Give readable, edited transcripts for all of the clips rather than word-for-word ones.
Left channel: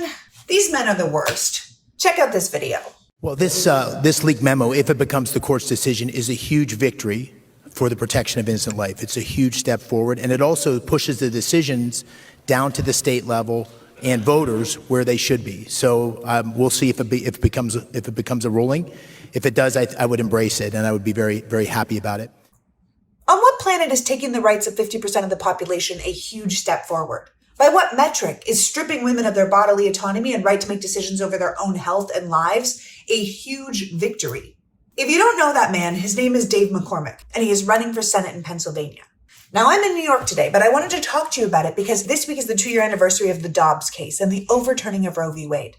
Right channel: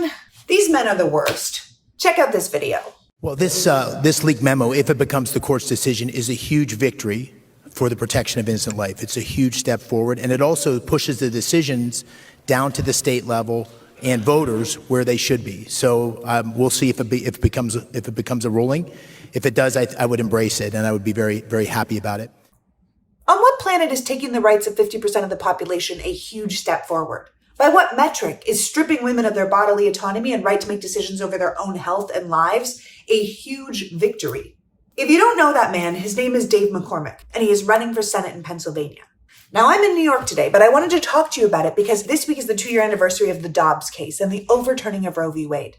man, these men are the worst. Check out this video. Well, this leaked memo, if it becomes the court's decision, is a huge victory for the protection of innocent life. It's a huge step forward, and it also pushes the decisions down to the state level and voters where they should be. So we'll see if it becomes a ruling. If it does, I would embrace it, and I would be very, very happy about it. On what planet is taking the rights of 50% of the population a huge step forward? By what metric is stripping women of their bodily autonomy and right to make decisions over their own health and lives a huge victory? If you don't know that man, his name is Dave McCormick, and he is running for Senate in Pennsylvania. Now, I'm in New York today, but I wanted to talk to you about it because this week is the 2-year anniversary of the Dobbs case and the overturning of Roe v. Wade.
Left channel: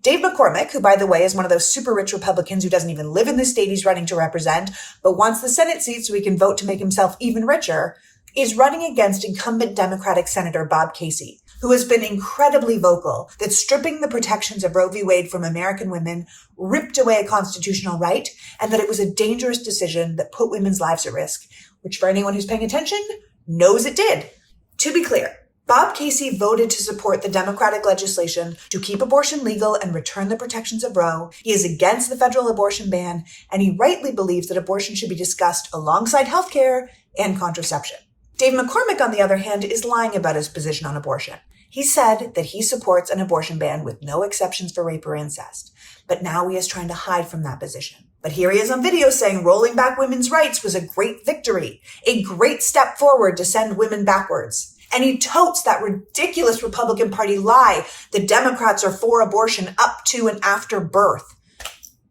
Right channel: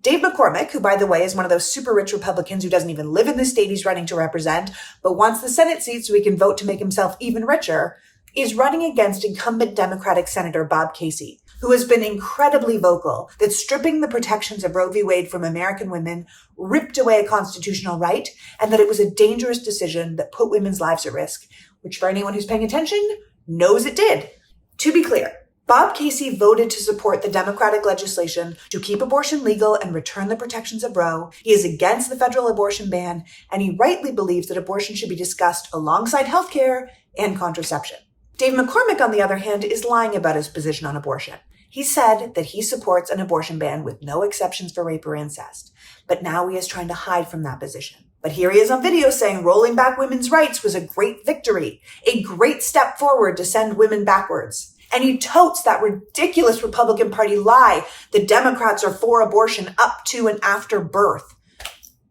Dave McCormick, who, by the way, is one of those super rich Republicans who doesn't even live in the state he's running to represent, but wants the Senate seat so he can vote to make himself even richer, is running against incumbent Democratic Senator Bob Casey, who has been incredibly vocal that stripping the protections of Roe v. Wade from American women ripped away a constitutional right, and that it was a dangerous decision that put women's lives at risk, which for anyone who's paying attention knows it did. To be clear, Bob Casey voted to support the Democratic legislation to keep abortion legal and return the protections of Roe. He is against the federal abortion ban, and he rightly believes that abortion should be discussed alongside healthcare and contraception. Dave McCormick, on the other hand, is lying about his position on abortion. He said that he supports an abortion ban with no exceptions for rape or incest, but now he is trying to hide from that position. But here he is on video saying rolling back women's rights was a great victory, a great step forward to send women backwards. And he totes that ridiculous Republican Party lie that Democrats are for abortion up to and after birth,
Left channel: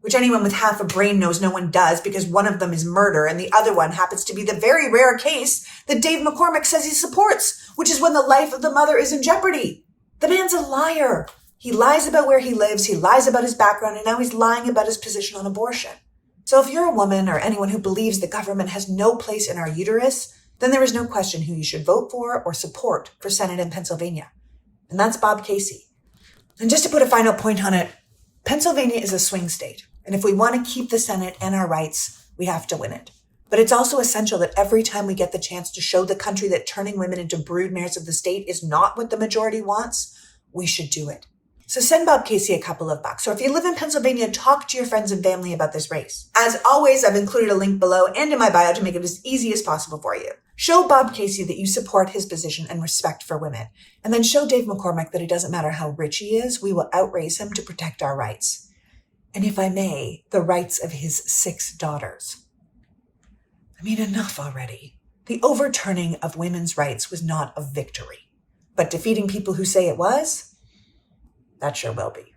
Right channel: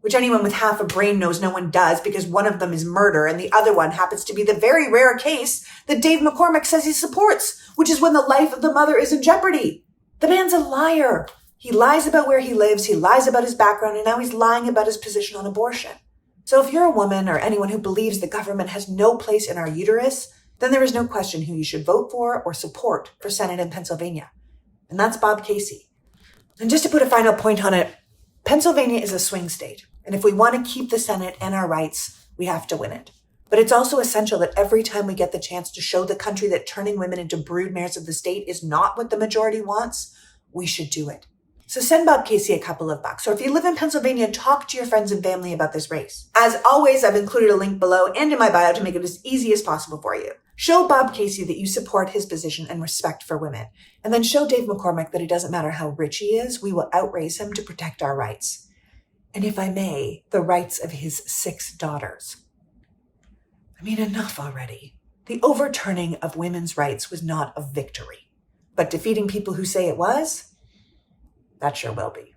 which anyone with half a brain knows no one does because one of them is murder and the other one happens to be the very rare case that Dave McCormick says he supports, which is when the life of the mother is in jeopardy. The man's a liar. He lies about where he lives, he lies about his background, and now he's lying about his position on abortion. So if you're a woman or anyone who believes the government has no place in our uterus, then there is no question who you should vote for or support for Senate in Pennsylvania. And that's Bob Casey. And just to put a final point on it, Pennsylvania is a swing state. And if we want to keep the Senate and our rights, we have to win it. But it's also essential that every time we get the chance to show the country that turning women into broodmares of the state is not what the majority wants, we should do it. So send Bob Casey a couple of bucks. Or if you live in Pennsylvania, talk to your friends and family about this race. As always, I've included a link below and in my bio to make it as easy as possible for you. Show Bob Casey that you support his position and respect for women. And then show Dave McCormick that it doesn't matter how rich he is, we will outraise him to protect our rights. And if I may, the rights of his 6 daughters. I mean, enough already. The overturning of women's rights was not a victory. But defeating people who say it was, that sure will be.